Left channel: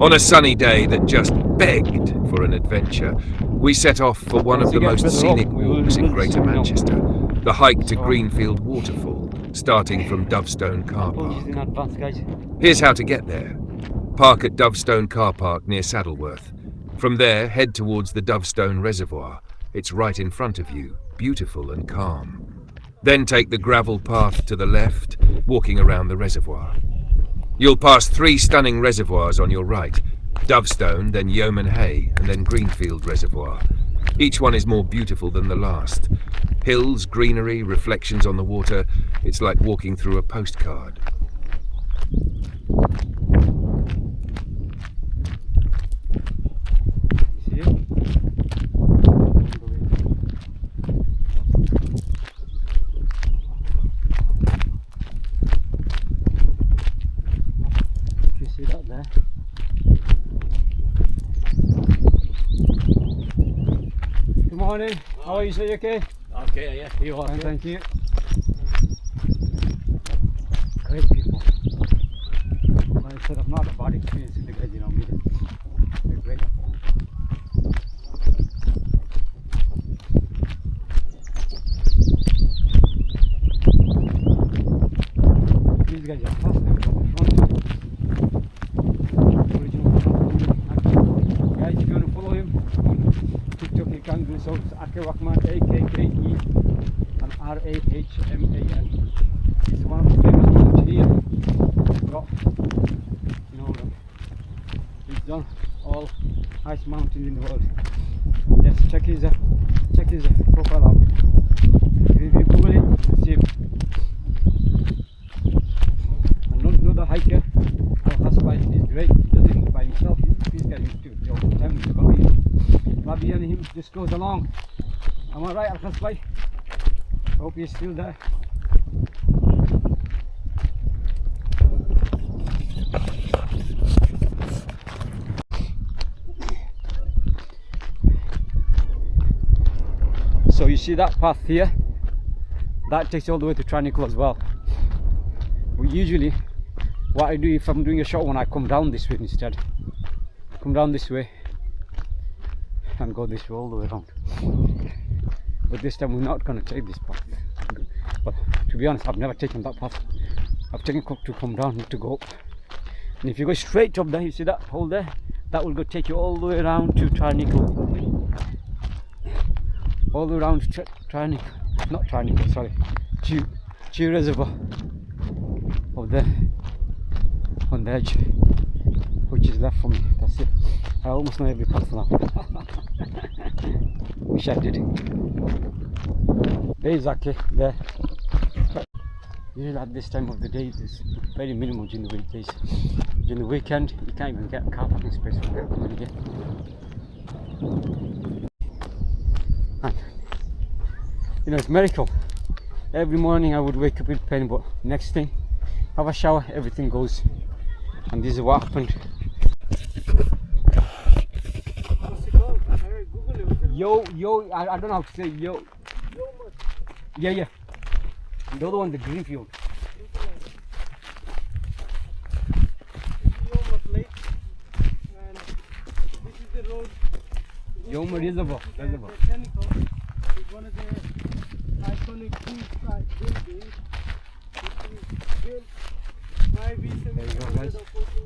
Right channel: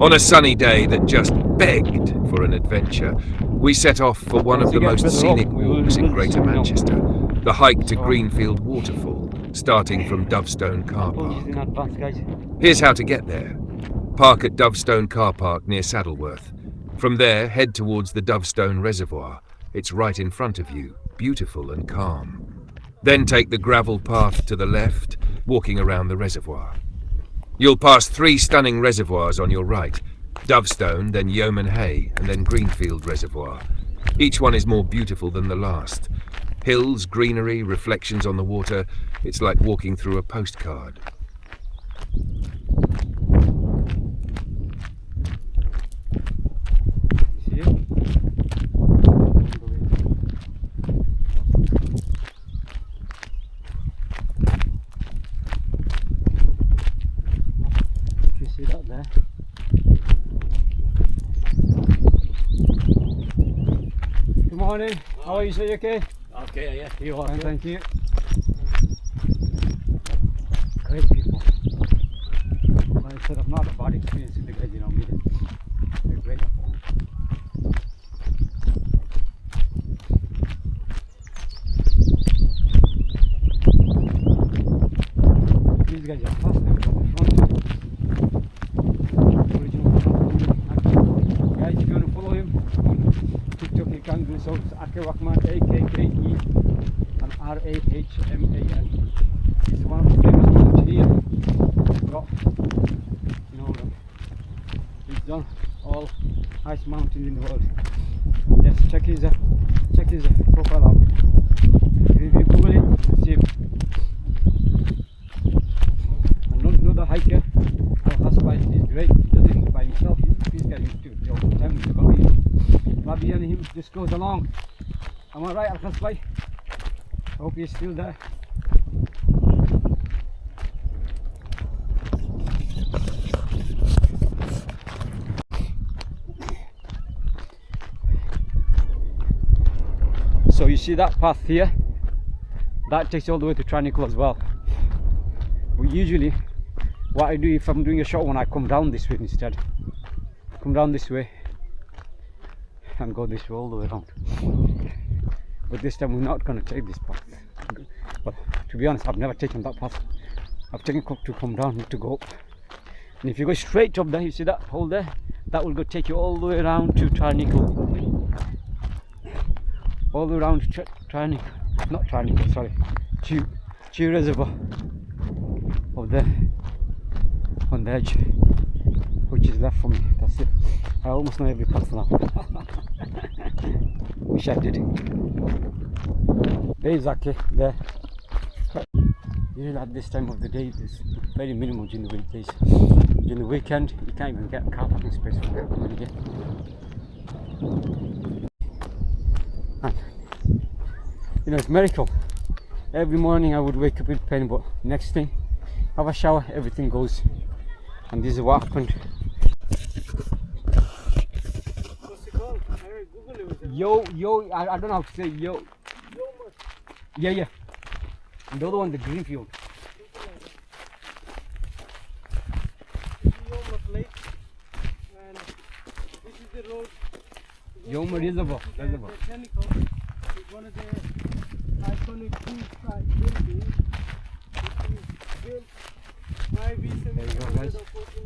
On a sunny day that just begged for an adventure, we set off for one of the most scenic walks in Greater Manchester, the hike to Greenfield Waterfall, starting from Dovestone Car Park. Here's how to get there. Park at Dovestone Car Park near Saddleworth. From there, head towards the Dovestone Reservoir. It's right in front of you, beautiful and calm. Then take the gravel path to the left, walking around the reservoir. You'll pass 3 stunning reservoirs on your right, Dovestone, then Yaoma and then Greenfield Reservoir. Each one is more beautiful than the last. Hills, greenery, reflections on the water. It's like walking through a postcard. See it? You see that there? Good morning. How are you, sir? You okay? Okay, yeah. You are, thank you. Great people. Like I said, I've not had a bad experience with the guys, you know, they're great. These guys are fast, they're from the front. Original Akke. Guys, if you want to follow him, TikTok you can do so. It's Akke Rahman, A-K-K-E and R-A-H-M-A-N. He's one of the famous ones here. Got, you know, he's done all highest mountains in the world. Yes, check his profile out. If you Google it, you'll see him. And another hiker, Al-Hasbai, is great. He does it by himself. He's getting to the whole time with Bobby and him just goes along. Am I right, Al-Hasbai? Hope he's still there. So you see that path here, that takes all the way to Tranquil as well. But usually what I do if I'm doing a short one, I come down this way instead. Come down this way and go this way all the way around. But this time we're not going to take this path. But to be honest, I've never taken that path. I've taken to come down, not to go up. And if you go straight up there, you see that hole there, that will go take you all the way around to Tranquil. All the way around to Tranquil, not Tranquil, sorry, Chew Reservoir. Over there, on the edge, which is left for me. That's it. I almost know every path now. Wish I did. There's Akke there. Usually at this time of the day, there's very minimal during the weekdays. During the weekend, you can't even get a car parking space for everybody here. And, you know, it's a miracle. Every morning I would wake up with pain, but next thing, have a shower, everything goes. And this is what happened. What's it called? I Google it. I don't know how to say yo. Yeah. And the other one, the Greenfield. Yaoma Lake, and this is the road. Yaoma Reservoir. Technical is one of the iconic seaside buildings. Built by There you go, guys.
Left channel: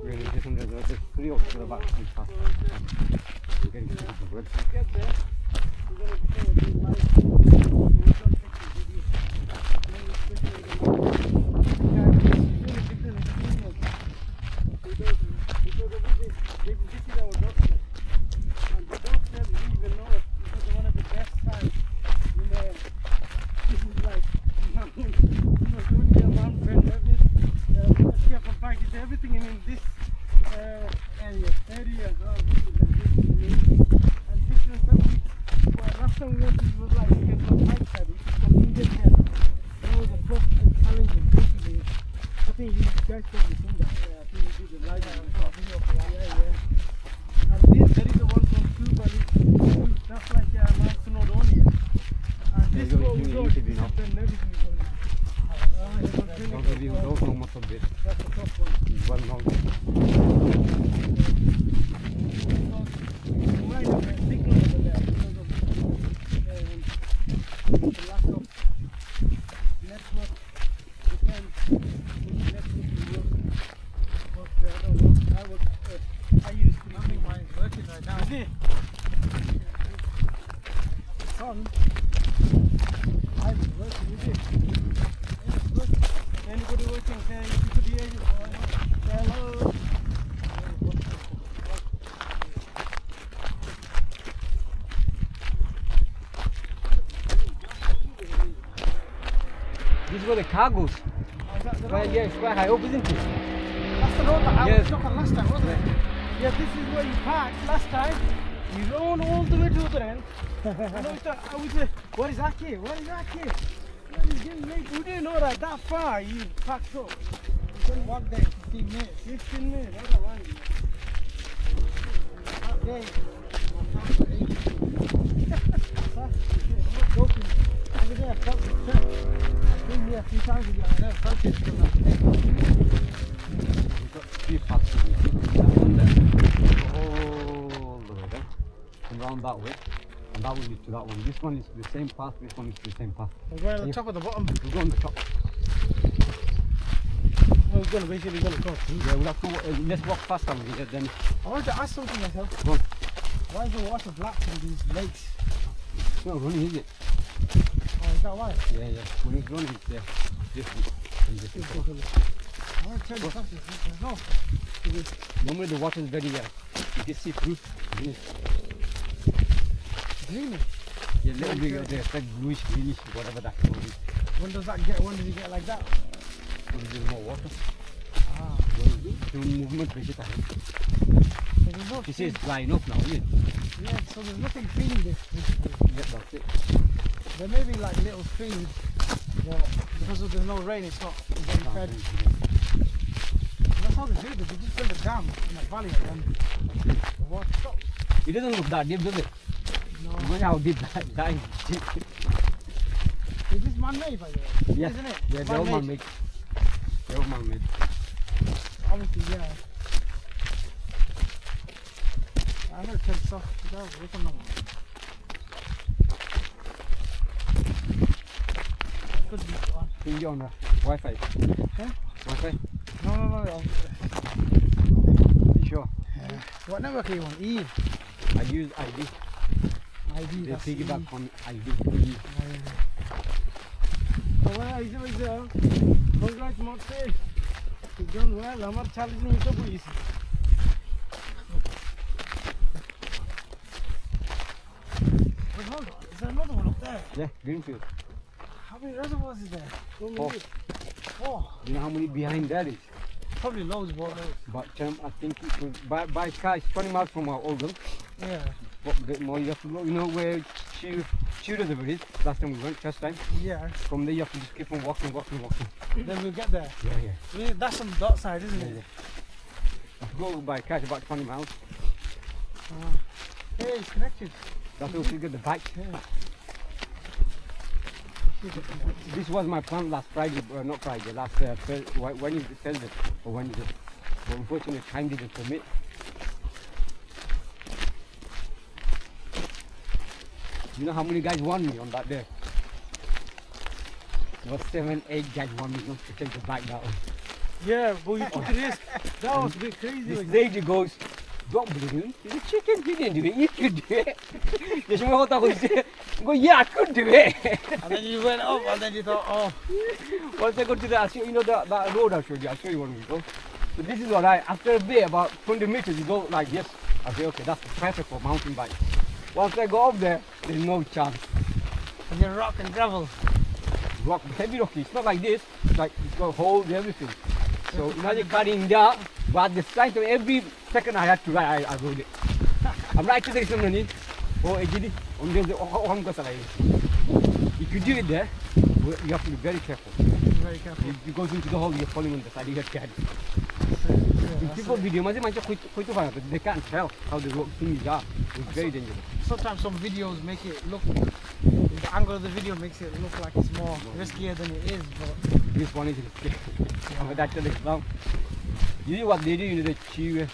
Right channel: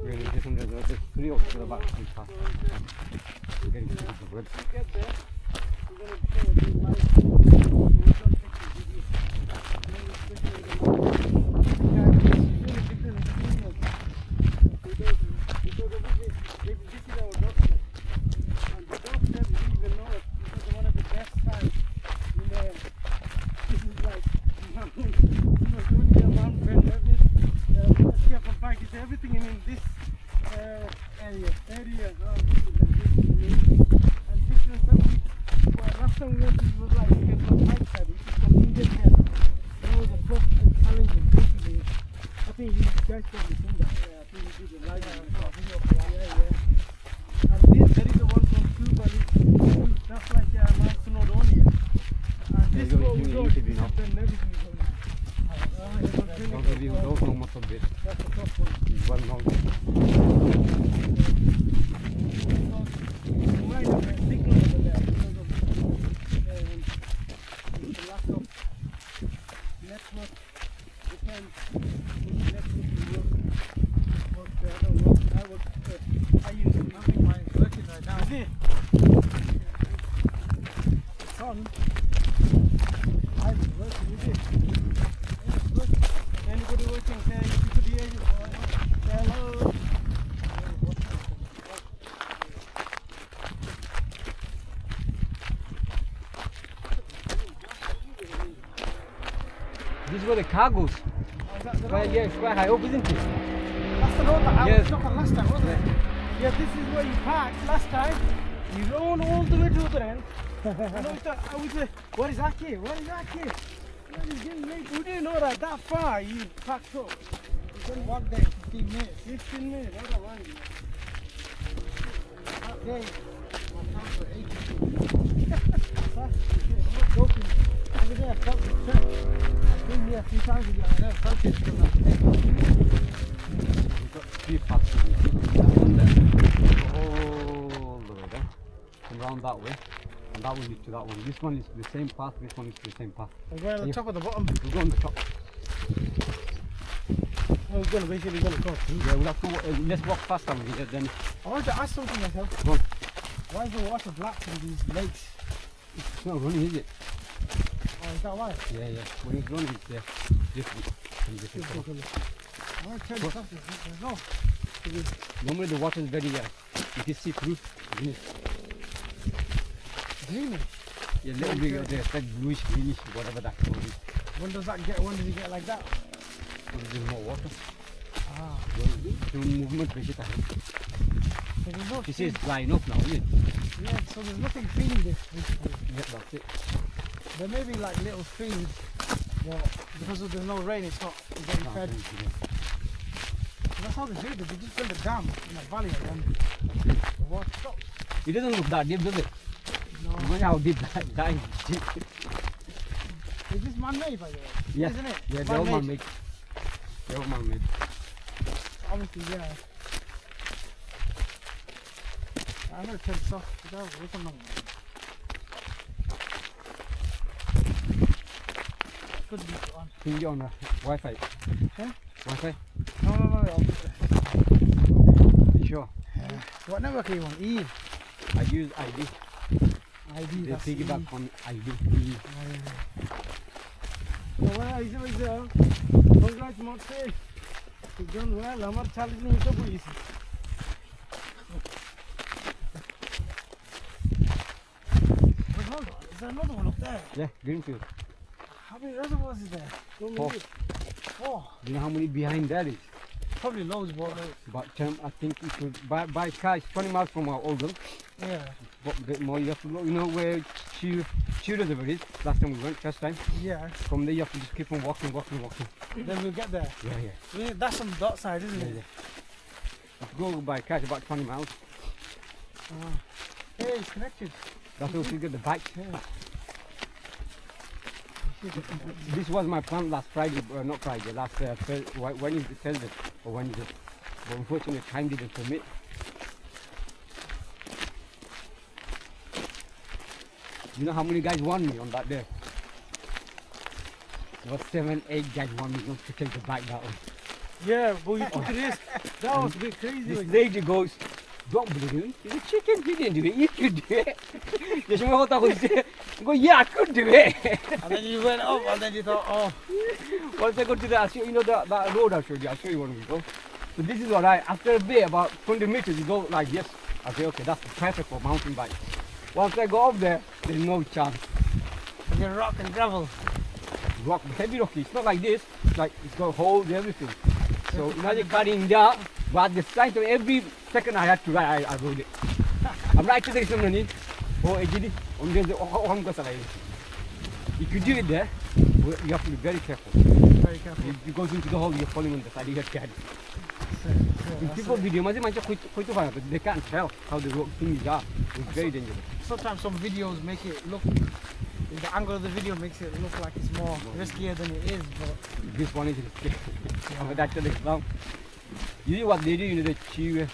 We're in a different reservoir. There's 3 of the back and past. We're getting to the wood. Get there. We're going to show you live. Everything in this area. And pictures that we last time we went to was like from my side, which is from Indian head. You know, the first challenge is basically, I think you guys probably seen that. Yeah, I think you did the live video for that. Yeah. And this, there is the one from Cuba, that's like Mount Snowdonia. And this road, everything is going Don't know Motobbhir. That's the top one. It's well known. You might have a signal over there because of the lack of network. I use nothing. Mine's working right now. Is it? It's on. I'm working. Is it? Yeah, it's working. Anybody working? Say you could hear you. Hello. This is where the car goes. Oh, is that the Quite, road? yeah, it's quite high up, isn't it? That's the road that I Yes. was stuck on last time, wasn't it? Yeah, this is where you parked last time. You rode all the way to the other end. And I was like, where is Akke? Where is Akke? We didn't know that far you parked up. You can walk there 15 minutes. 15 minutes, I don't mind. That day, my time for 8. I'm not joking. Every day I felt the trip. I've been here a few times again. I never felt it till that day. We've got 3 paths. That one there. All the way there. And round that way. And that will lead to that one. This one is the same path, this one is the same path. We're going on the top or the bottom? We'll go on the top. We're going to basically go across. Yeah, we'll have to let's walk fast down here then. I want to ask something myself. Go on. Why is the water black in these lakes? It's not running, is it? Oh, is that why? Yeah, yeah. When it's running, it's different. from It's different. different. I want to turn this off. There's no. Normally the water is very, you can see through. Isn't it? Greeny. Yeah, little bit of the like bluish, greenish, whatever that color is. When does that get? When does it get like that? When there's more water. Ah. The movement makes it happen. So there's no. This is drying up now, isn't it? Yeah. So there's nothing feeding this. Yeah, that's it. There may be like little streams, but because there's no rain, it's not getting fed. That's how they do it. They just build a dam in that valley and then the water stops. It doesn't look that deep, does it? No. Imagine how deep that is. Is this man-made, by the way? Yeah. Isn't it? Yeah, they're all man-made. They're all man-made. Obviously, yeah. I'm going to turn this off. Wait a moment. Could be on. Can you on Wi-Fi? Huh? Wi-Fi? No. You sure? What network are you on? E? I use ID. ID, They that's piggyback E. on ID. So where is it? Congrats, Monty. You've done well. I'm not challenging you to police. But hold on, is there another one up there? Yeah, Greenfield. How many reservoirs is there? So Four. many. Four. Do you know how many behind that is? Probably loads, but But I think it was by car it's 20 miles from our Oldham. yeah. But a bit more you have to go, you know where Shoe Reservoir is, last time we went, first time. Yeah. From there you have to just keep on walking. Then we'll get there. Yeah. That's on the dot side, isn't it? If you go by car it's about 20 miles. Hey, it's connected. That's where you get the bike. Yeah. This was my plan last Friday, not Friday, last Thursday, Thursday or Wednesday. But unfortunately time didn't permit. You know how many guys won me on that day? There was 7, 8 guys won me not to take the bike that one. Yeah, but you took a risk. That was a bit crazy. This lady goes, don't believe him. He's a chicken, he didn't do it, you could do it. Just when I go, yeah, I could do it. And then you went up and then you thought, oh. Once I go to that, you know that road I showed you, I'll show you when we go. So this is what after a bit, about 20 meters, you go like this. I say, okay, that's the perfect for mountain bike. Once I go up there, there's no chance. And you're rock and gravel. Rock, heavy rocky, it's not like this, it's like it's got holes, everything. So imagine carrying that, but the sight of every second I had to ride, I rode it. I'm right to the ceremony. Oh, Ejidi, I'm going to if you do it there, you have to be very careful. Very careful. If you go into the hole, you're falling on the side, you get carried. Yeah, In people video, but they can't tell how the road things are. It's very dangerous. sometimes some videos make it look The angle of the video makes it look like it's more riskier than it is, but This one is risky. I'm that to the ground. You know what they do, you know, they chew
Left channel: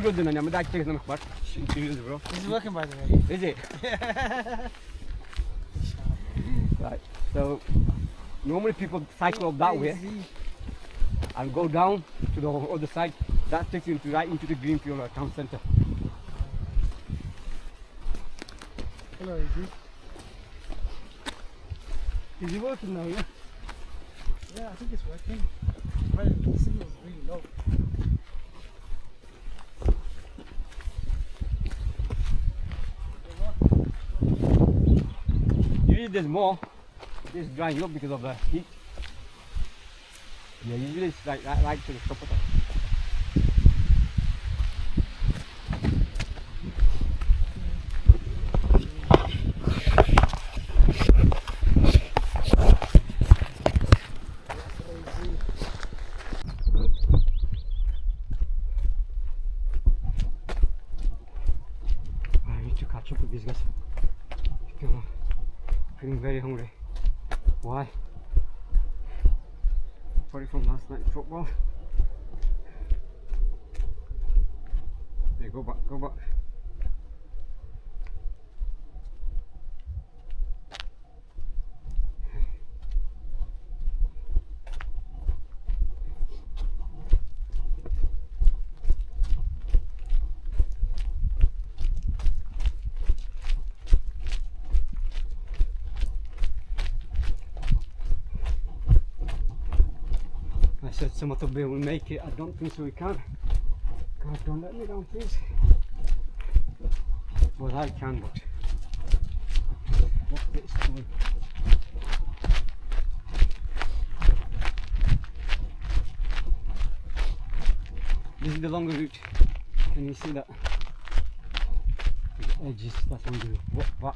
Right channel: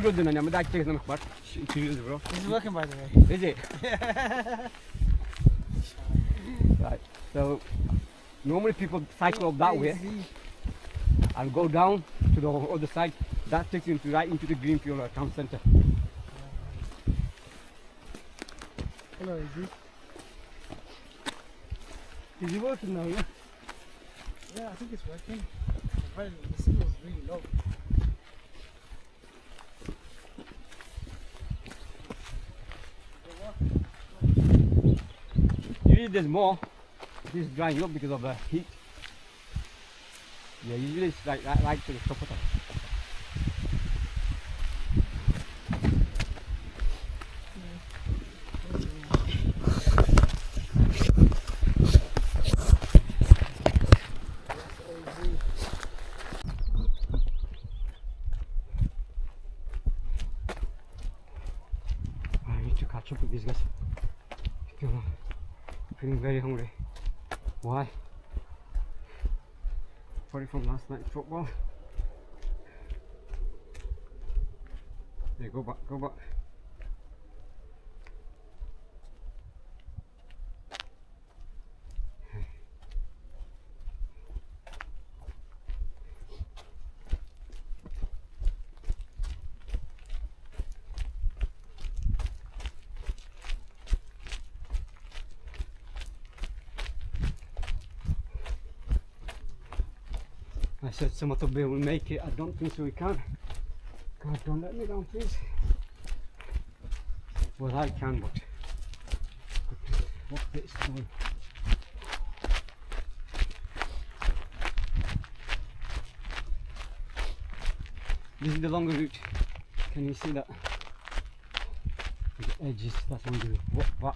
road and I'm that taking them apart. Chew bro. this is working by the way. Is it? Right. So normally people cycle up that way and go down to the other side. That takes you right into the Greenfield town centre. Hello, is it working now, yeah? Yeah, I think it's working. Well, the signal's really low. Usually there's more. It's drying up because of the heat. Yeah, usually it's like right to the top of it. I need to catch up with these guys. Still feeling very hungry. Why? Probably from last night's football. Yeah, go back, go back. I said Motobbhir will make it. I don't think so. We can. God, don't let me down, please. Well, I can, but what bit's going? This is the longer route. Can you see that? The edges. That's what I'm doing. What?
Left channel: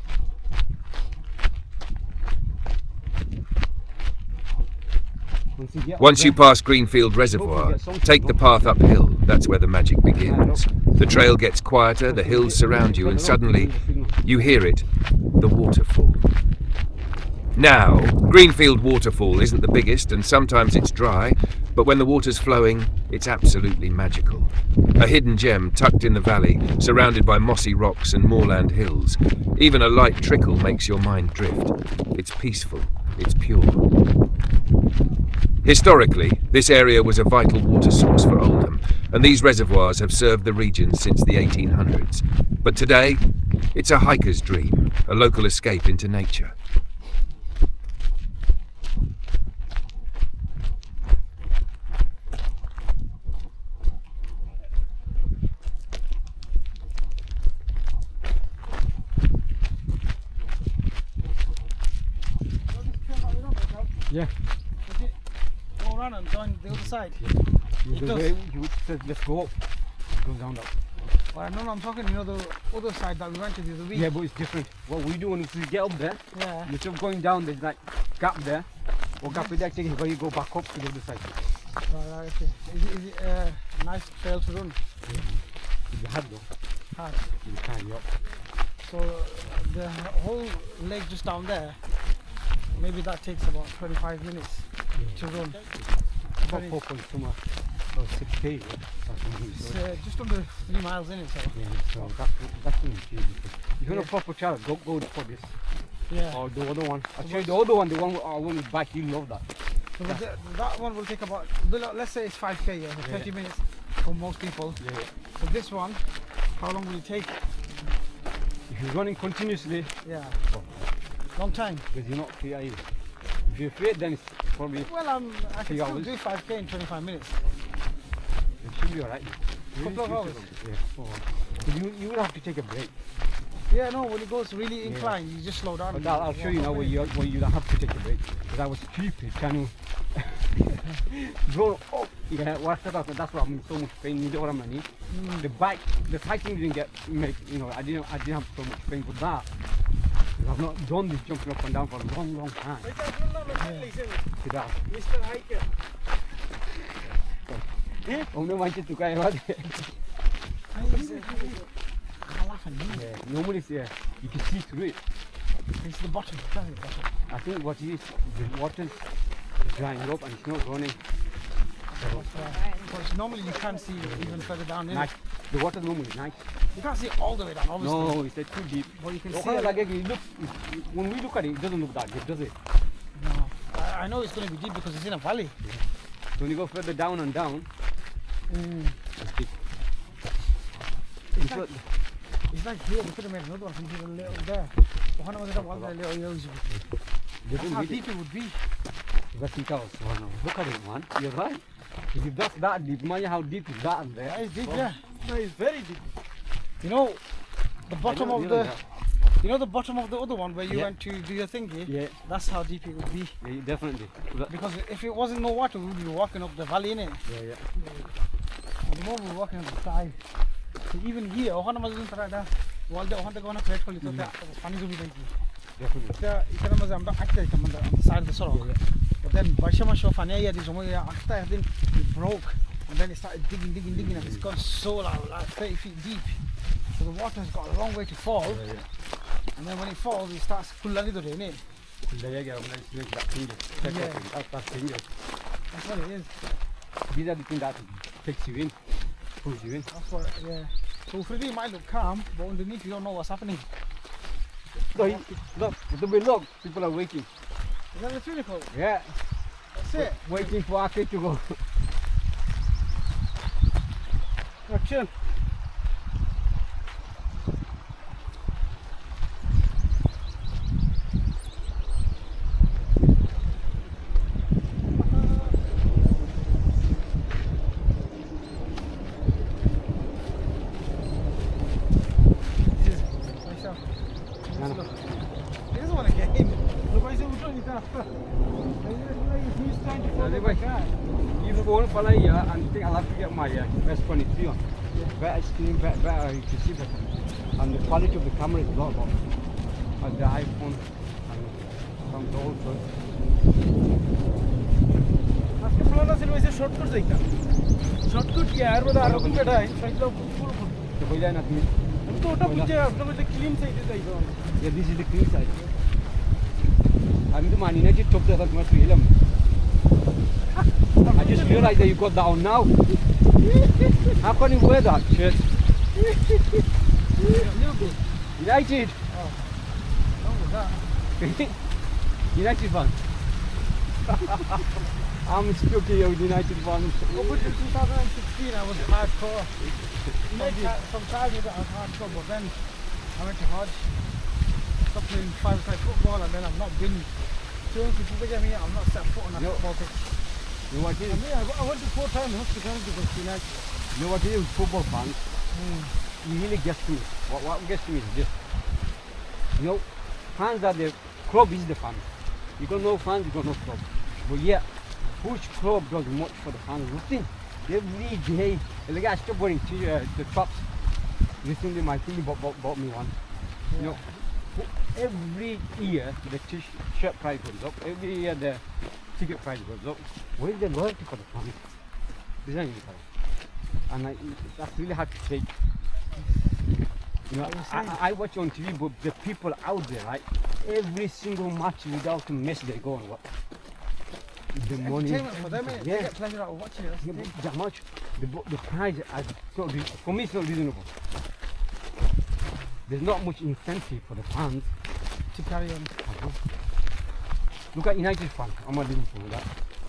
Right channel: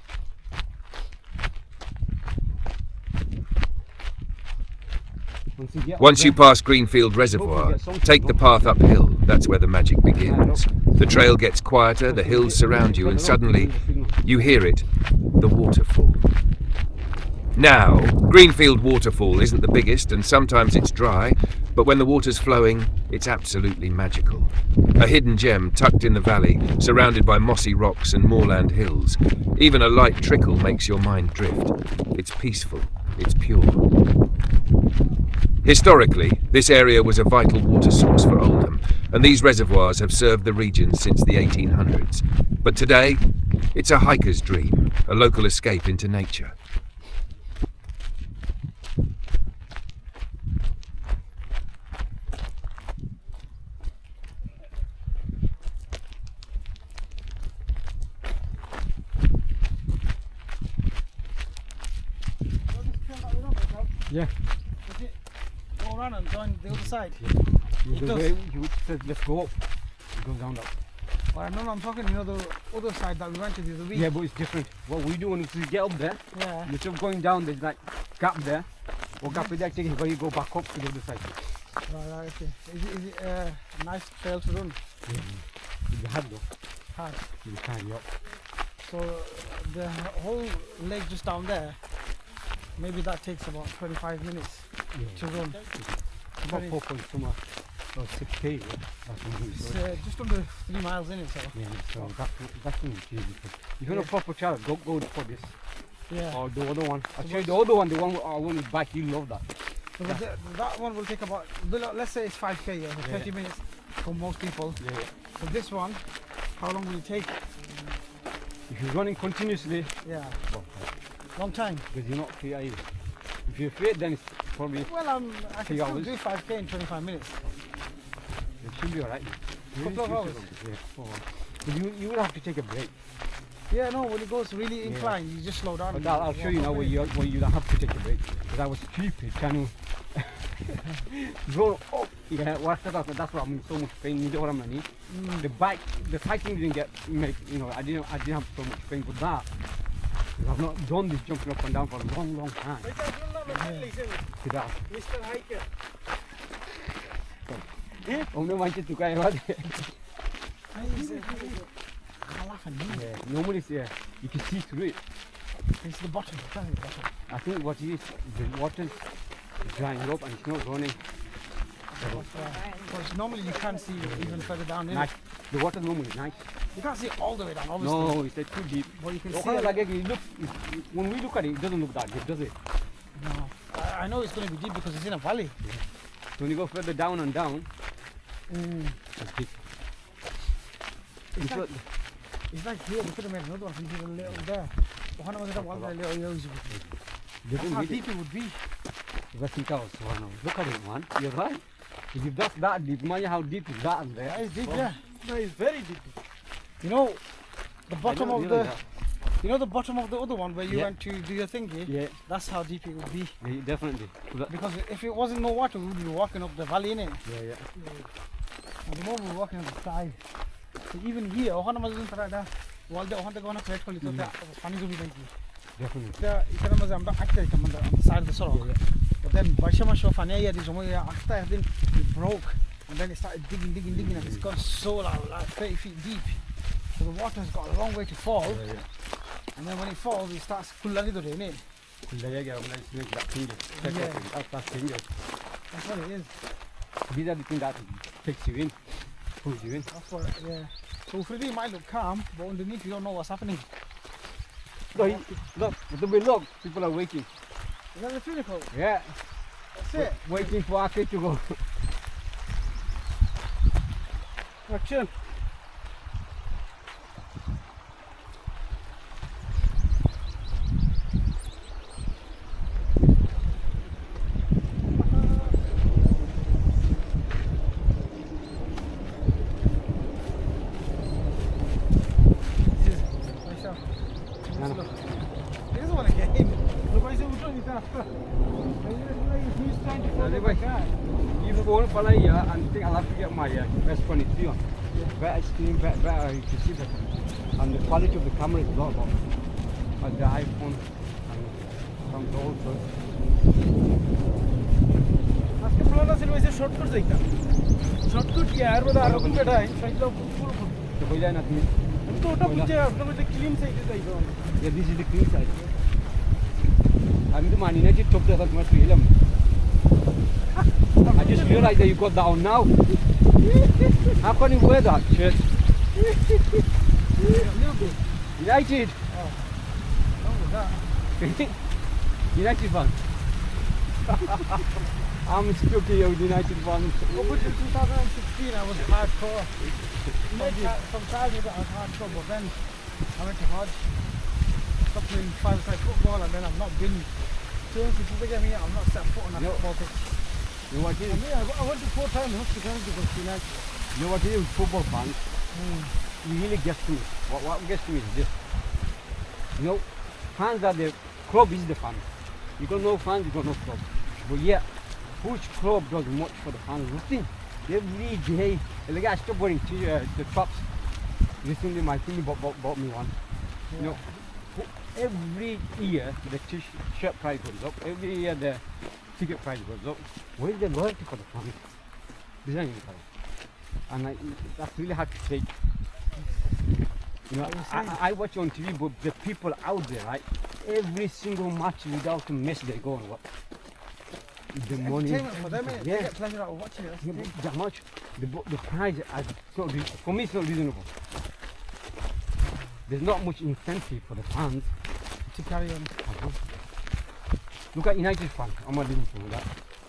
Once you pass Greenfield Reservoir, take the path uphill. That's where the magic begins. The trail gets quieter, the hills surround you, and suddenly you hear it, the waterfall. Now, Greenfield Waterfall isn't the biggest, and sometimes it's dry, but when the water's flowing, it's absolutely magical. A hidden gem tucked in the valley, surrounded by mossy rocks and moorland hills. Even a light trickle makes your mind drift. It's peaceful, it's pure. Historically, this area was a vital water source for Oldham, and these reservoirs have served the region since the 1800s. But today, it's a hiker's dream, a local escape into nature. Yeah. Go around and join the other side. The way you said let's go up, it goes down that. Well, no, I'm talking, you know, the other side that we went to the other week. Yeah, but it's different. What we do when we get up there, instead of going down, there's like gap there, or gap with that taking where you go back up to the other side. Right, okay. Is it a nice trail to run? Yeah. It's hard though. Hard. You can, yeah. So the whole leg just down there, maybe that takes about 25 minutes to run. About 4 points somewhere, or 6k. It's just under 3 miles in it, so. Yeah, so that's not easy. If you're a proper child, go for this. Yeah. Or the other one. Actually, the other one, the one with bike, you love that. So that one will take about, let's say it's 5k, 30 minutes for most people. Yeah. So this one, how long will it take? If you're running continuously, Long time. because you're not fit either. If you're fit, then it's probably Well, I can still do 5k in 25 minutes. it should be alright. Couple of hours. Yeah, 4 hours. But you will have to take a break. Yeah, no, when it goes really inclined, you just slow down. But I'll show you now where you don't have to take a break. Because I was stupid trying to go up. Yeah, that's why I'm in so much pain. You know what I mean? The cycling didn't I didn't have so much pain with that. I've not done this jumping up and down for a long time. Mr. Hiker. Only wanted to go out there. Normally, you can see through it. It's the bottom. It's the bottom. I think what is the water's drying up and it's not running. Because normally you can't see even further down. Nice. The water normally is nice. You can't see all the way down, obviously. No, it's too deep. But you can see Like it looks, when we look at it, it doesn't look that deep, does it? No. I know it's going to be deep because it's in a valley. Yeah. So when you go further down and down, it's deep. It's like here, we could have made another one from here a little there. But how deep it would be. Look at it, man. You're right. If that's that deep, imagine how deep is that there. That is deep, yeah. That is very deep. You know, the bottom of the... You know the bottom of the other one where you went to do your thingy? Yeah. That's how deep it would be. Yeah, definitely. Because if it wasn't no water, we would be walking up the valley, innit? Yeah. And the moment we're walking on the side. So even here, ohana mazun tarada. Walde ohanta gona plate koli to that funny to be like. Definitely. Yeah, ikana maza amba akta ikam on the side of the sorok. But then Bashama Shofania ya this one akta then it broke and then it started digging and it's gone so like 30 feet deep. So the water has got a long way to fall. And then when it falls, it starts kullani to rain. That's what it is. These are the things that takes you in, pulls you in. That's what, yeah. So Freddy might look calm, but underneath you don't know what's happening. Look, look, people are waiting. Is that the pinnacle? Yeah. That's it. Waiting for Akke to go. Action. And think I'll have to get my best 23 on. Better screen, better you can see better. And the quality of the camera is a lot better. And the iPhone and some gold. After Florida, it was a shortcut. Shortcut, yeah, I was better. The boiler nothing. Yeah, this is the clean side. I'm the man in it, top the much film. I just realized that you got that on now. How can you wear that shirt? United. United fan. I'm spooky with United fans. Over in 2016 I was hardcore. From childhood I was hardcore, but then I went to Hodge. Stopped playing 5-a-side football and then I've not been. Since people get me, I've not set foot on a football pitch. You know what it is? I went to 4 times hospitality because United. You know what it is with football fans? It really gets to me. What gets to me is this. You know, fans are the club is the fans. You got no fans, you got no club. But yeah, which club does much for the fans? Nothing. Every day, the guy stopped wearing the tops. Recently, my thing bought me one. You know, every year the t-shirt price goes up. Every year the ticket price goes up. Where is the loyalty for the fans? Design it. And that's really hard to take. You know, I watch on TV, but the people out there, right? Every single match without a miss, they go and watch. The money, for them, they get pleasure out of watching it. Yeah, that much. The price, for me, it's not reasonable. There's not much incentive for the fans To carry on. Look at United fans. I'm not doing for that.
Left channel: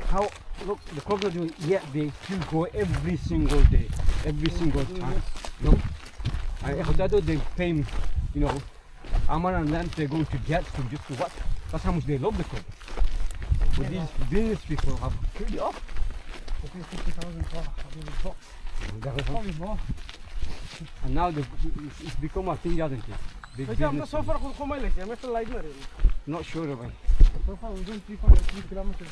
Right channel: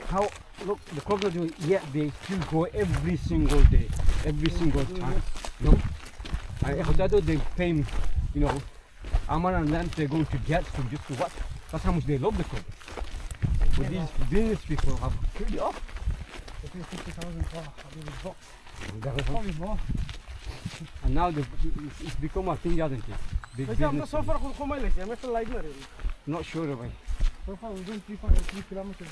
How look the club's not doing yet they still go every single day, every single time. You know? And they pay me, you know, Amar and them they're going to get to just to what? That's how much they love the club. But these business people have killed it off. They pay 50,000 for a box. Probably more. And now it's become a thing, hasn't it? Big business. Not sure about it. So far we're doing 3.3 kilometers.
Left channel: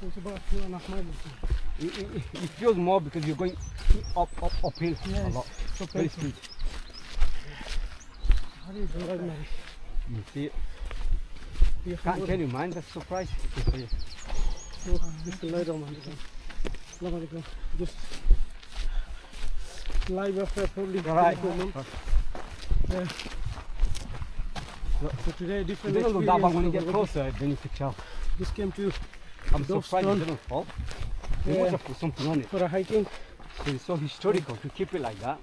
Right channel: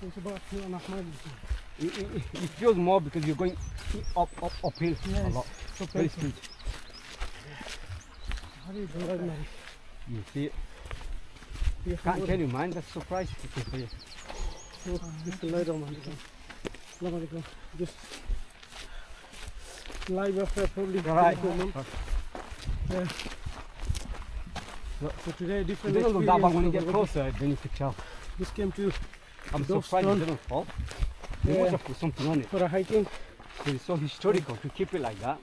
So it's about 2.5 miles. It feels more because you're going uphill a lot. So very steep. How do you do that, man? You see it. Can't tell you, man. That's a surprise. Just lie down, man. Just live after probably. Alright. Yeah. So today different It doesn't look that bad when you experience get over closer, then you can tell. here. Just came to I'm surprised it doesn't fall. They Yeah. must have put something on it. for a hiking. It's so historical to keep it like that.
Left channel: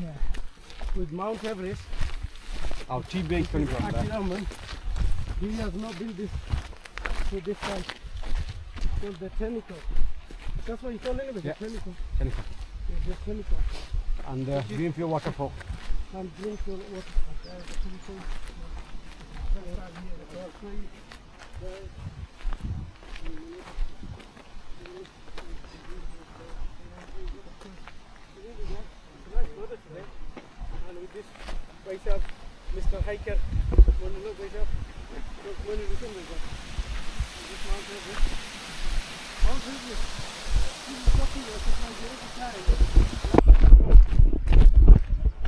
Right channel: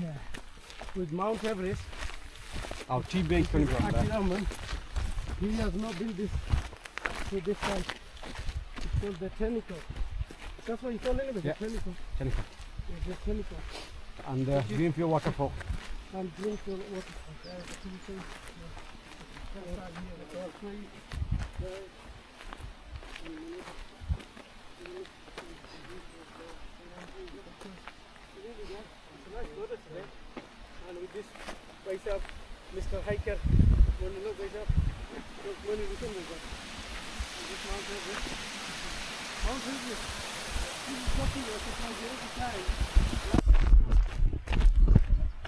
Yeah. With Mount Everest. Our tea bag coming from there. Akiraman, he has not built this to this side. It's called the Technical. That's what you call it, Yeah. the Technical. Serenity. Yeah, the Technical. And the Greenfield Waterfall. And Greenfield Waterfalls. And with this right up, Mr. Hiker, when you look right up, look when you look at this Mount Everest. Mount Everest. This is talking about the time.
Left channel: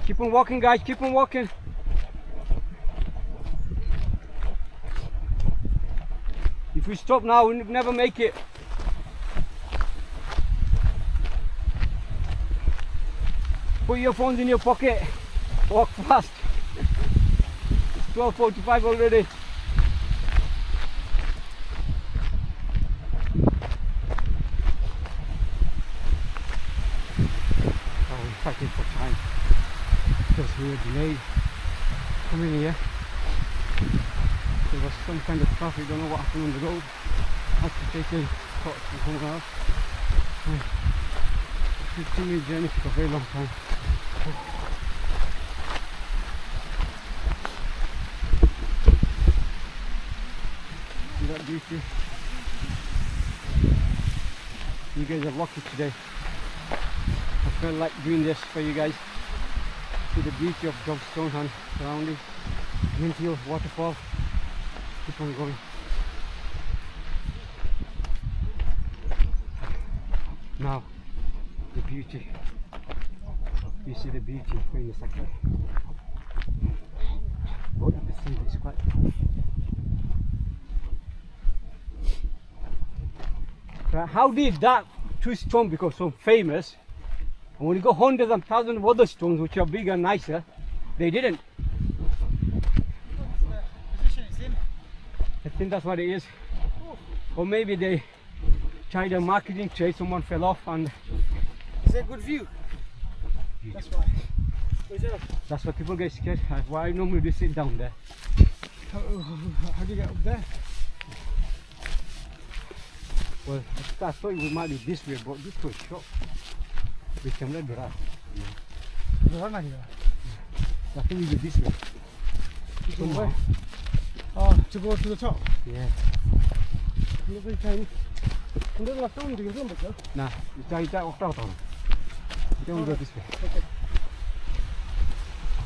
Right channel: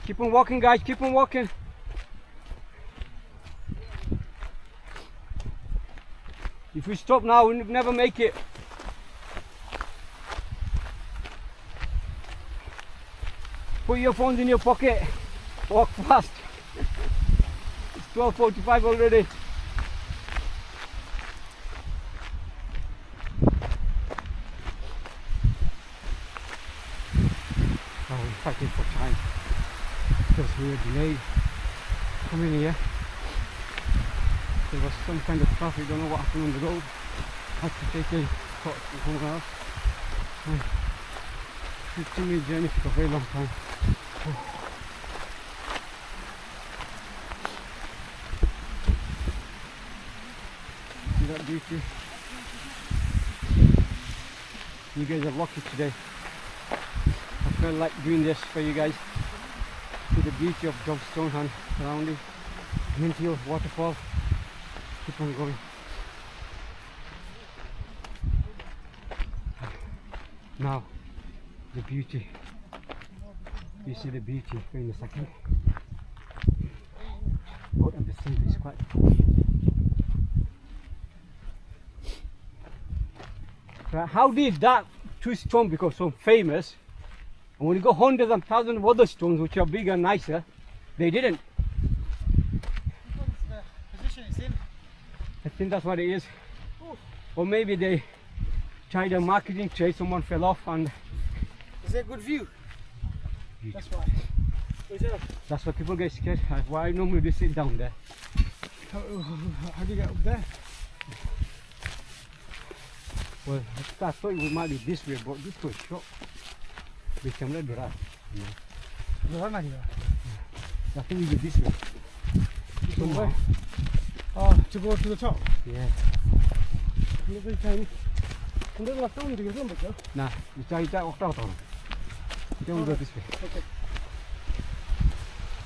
Keep on walking, guys, keep on walking. If we stop now, we'll never make it. Put your phones in your pocket. Walk fast. It's 12:45 already. Oh, we're fighting for time because we were delayed coming here. There was some kind of traffic, don't know what happened on the road. Had to take a cut to somewhere else. 15-minute journey took a very long time. See that beauty? You guys are lucky today. I felt like doing this for you guys. See the beauty of Dovestone and surrounding. Greenfield Waterfall. Keep on going. Now, the beauty. You see the beauty in a second. Oh, and the sea is quite cool. How did that two stone become so famous? And when you go hundreds and thousands of other stones which are bigger and nicer, they didn't. The position it's in. I think that's what it is. Or maybe they tried a marketing trade, someone fell off and... Is there a good view? That's why. That's why people get scared. That's why I normally do sit down there. How do you get up there? Well, I thought we might be this way, but this was short. We can let the rest. I think we go this way. Somewhere. Oh, to go to the top? Yeah. Lovely tiny. And there's a phone to get on, but Nah, you try that walk out on. You don't go this way. okay.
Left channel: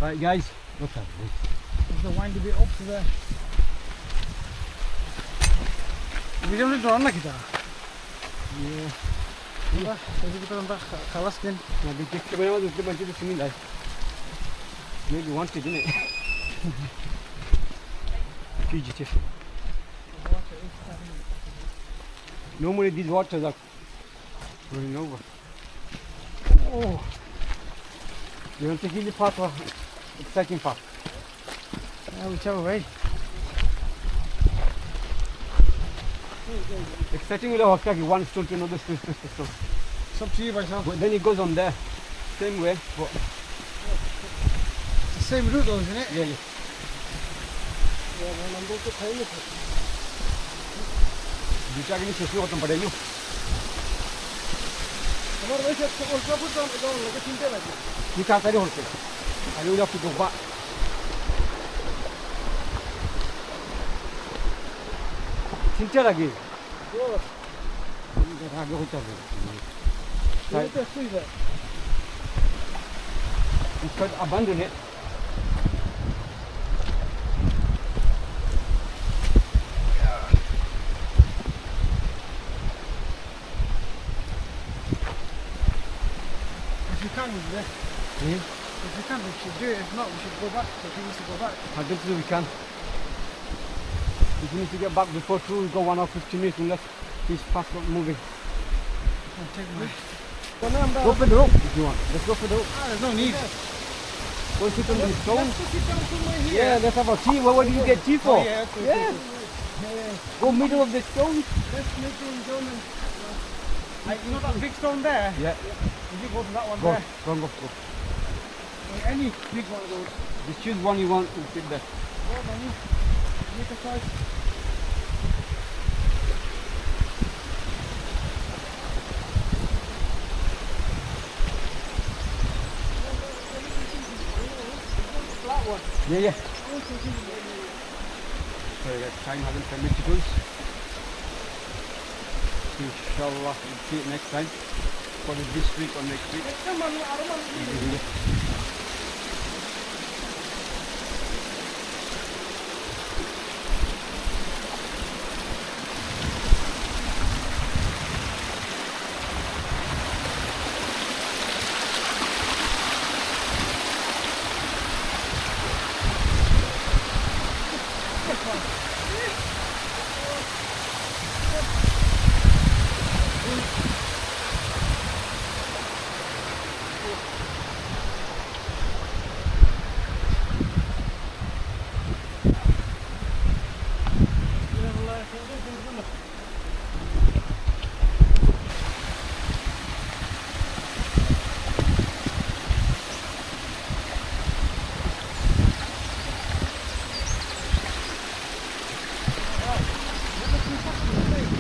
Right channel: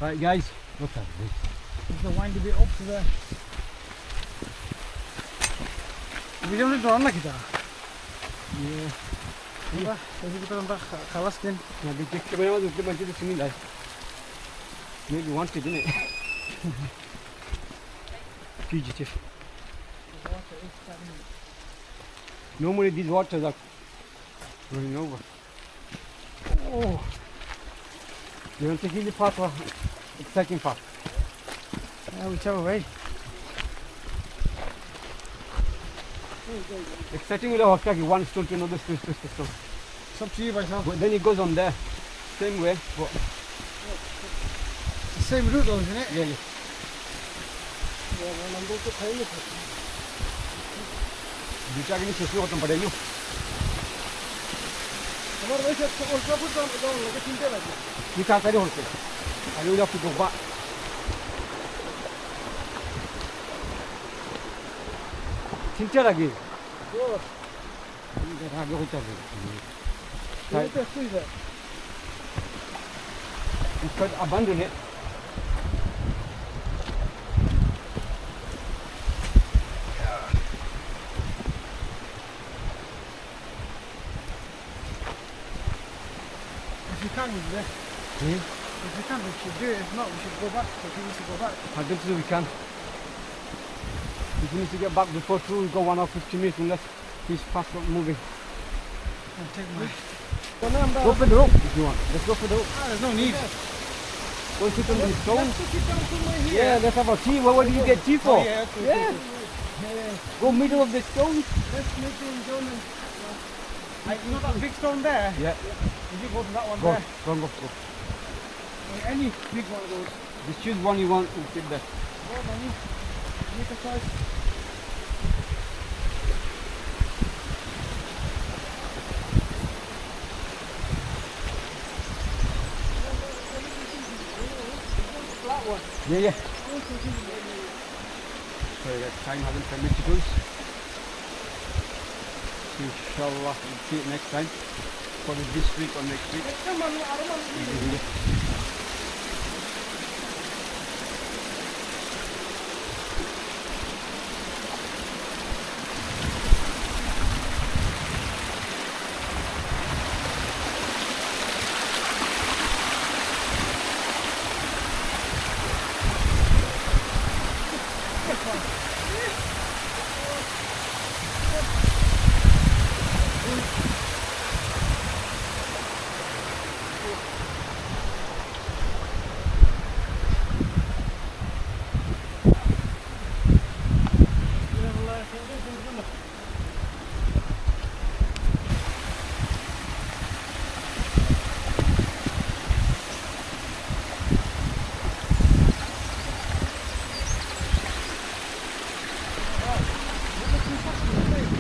Right, guys, look at this. There's the windy bit up to there. We don't need to run like that. Yeah. Iya, jadi kita nambah kalas kan. Nah, di cek sebenarnya waktu itu bantu di sini lah. Maybe wanted, didn't it? Fugitive. Normally these waters are running over. Oh, you want to take the path or exciting path? Yeah, whichever way. Exciting will walk like one stone to another stone to stone. It's up to you, myself. But then it goes on there, same way. But It's the same route though, isn't it? yeah, yeah. Yeah, man, I'm going to pay you. Bisa gini sesuatu tempat pada you. हमारे वैसे और सब कुछ काम लगे चिंता लगे You can't carry on. I will have to go back. Cinta lagi. वो आगे हो चल ये तो सही है You could abandon it. if you can there Hmm? if you can we should do it if not we should go back if he needs to go back I don't think we can. We need to get back before 2. We go 1 hour 15 minutes unless he's fast not moving. and take my Go for the rope if you want. Let's go for the rope. there's no need Go sit on this stone. Let's sit down somewhere here. Yeah, let's have a tea. What do you get tea for? Oh, yeah, okay. Yeah. Go middle of the stone. Let's make it down and... you know that big stone there? Yeah. You go to that one Go, there. go. Any big one of those. Just choose one you want and sit there. Go on, Manu. Make a choice. Flat one. Yeah. Sorry guys, time hasn't permitted us. Inshallah, we'll see it next time. Probably this week or next week. Come on, I don't want to leave it.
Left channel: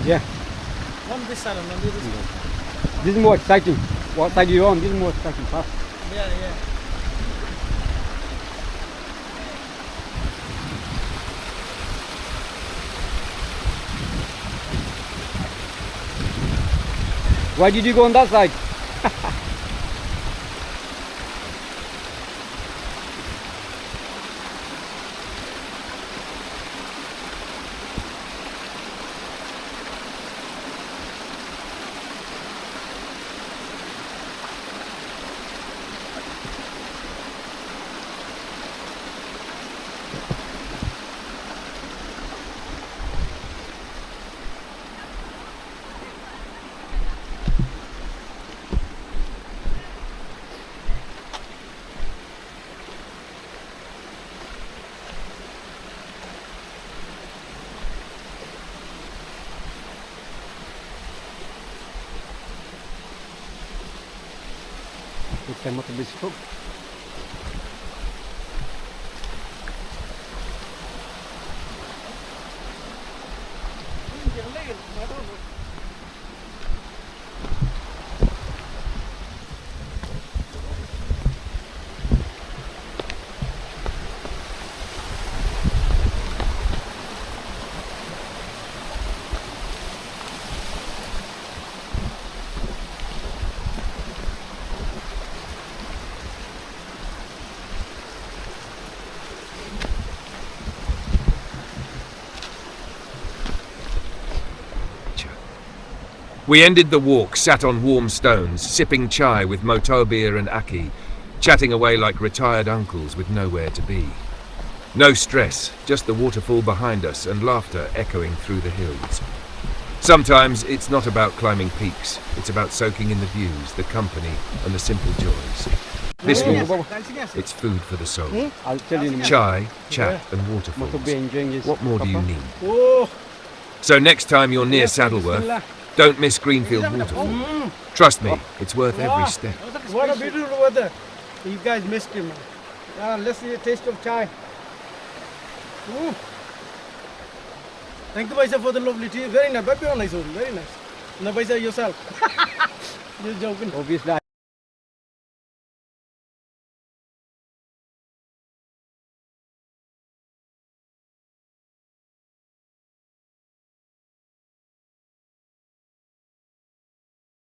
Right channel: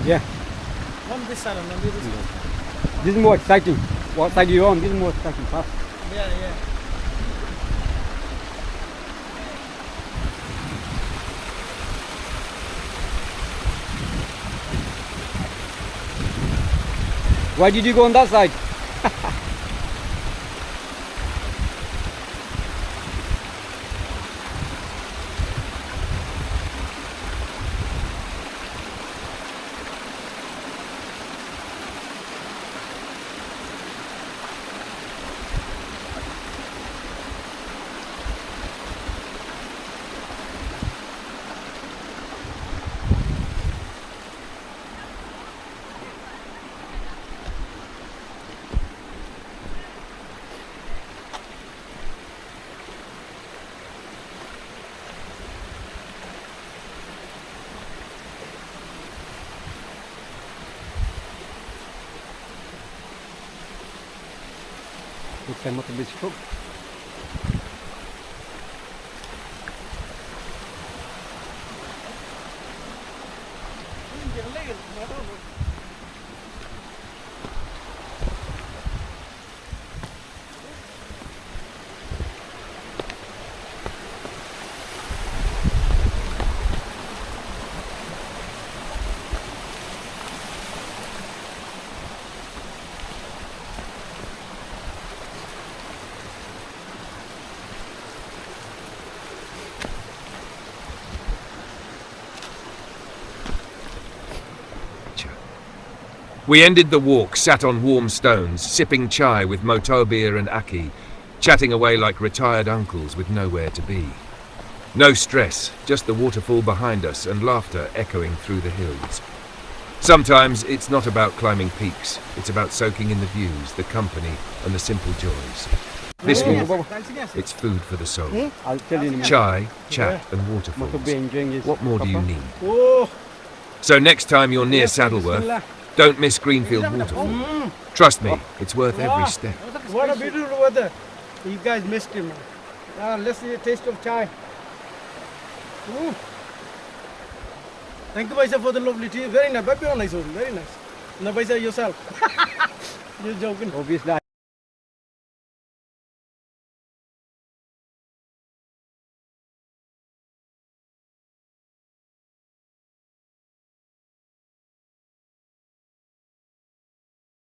Yeah. One this side and one this side. This is more exciting. What side are you on? This is more exciting path. Yeah. Why did you go on that side? Looks like Motobbhir is cooked. We ended the walk sat on warm stones, sipping chai with Motobbhir and Akke, chatting away like retired uncles with nowhere to be. No stress, just the waterfall behind us and laughter echoing through the hills. Sometimes it's not about climbing peaks, it's about soaking in the views, the company and the simple joys. This walk, it's food for the soul. I'll tell you in a minute. Chai, chat and waterfalls. Motobbhir enjoying his What more do you supper. need? Oh, So next time you're near Saddleworth, don't miss Greenfield Waterfall. Trust me, it's worth every step. what a beautiful weather. You guys missed him, man. Let's see a taste of chai. Ooh. Thank you, Baisa, for the lovely tea. Very nice. Very nice. No, Baisa, yourself. You're joking. Obviously,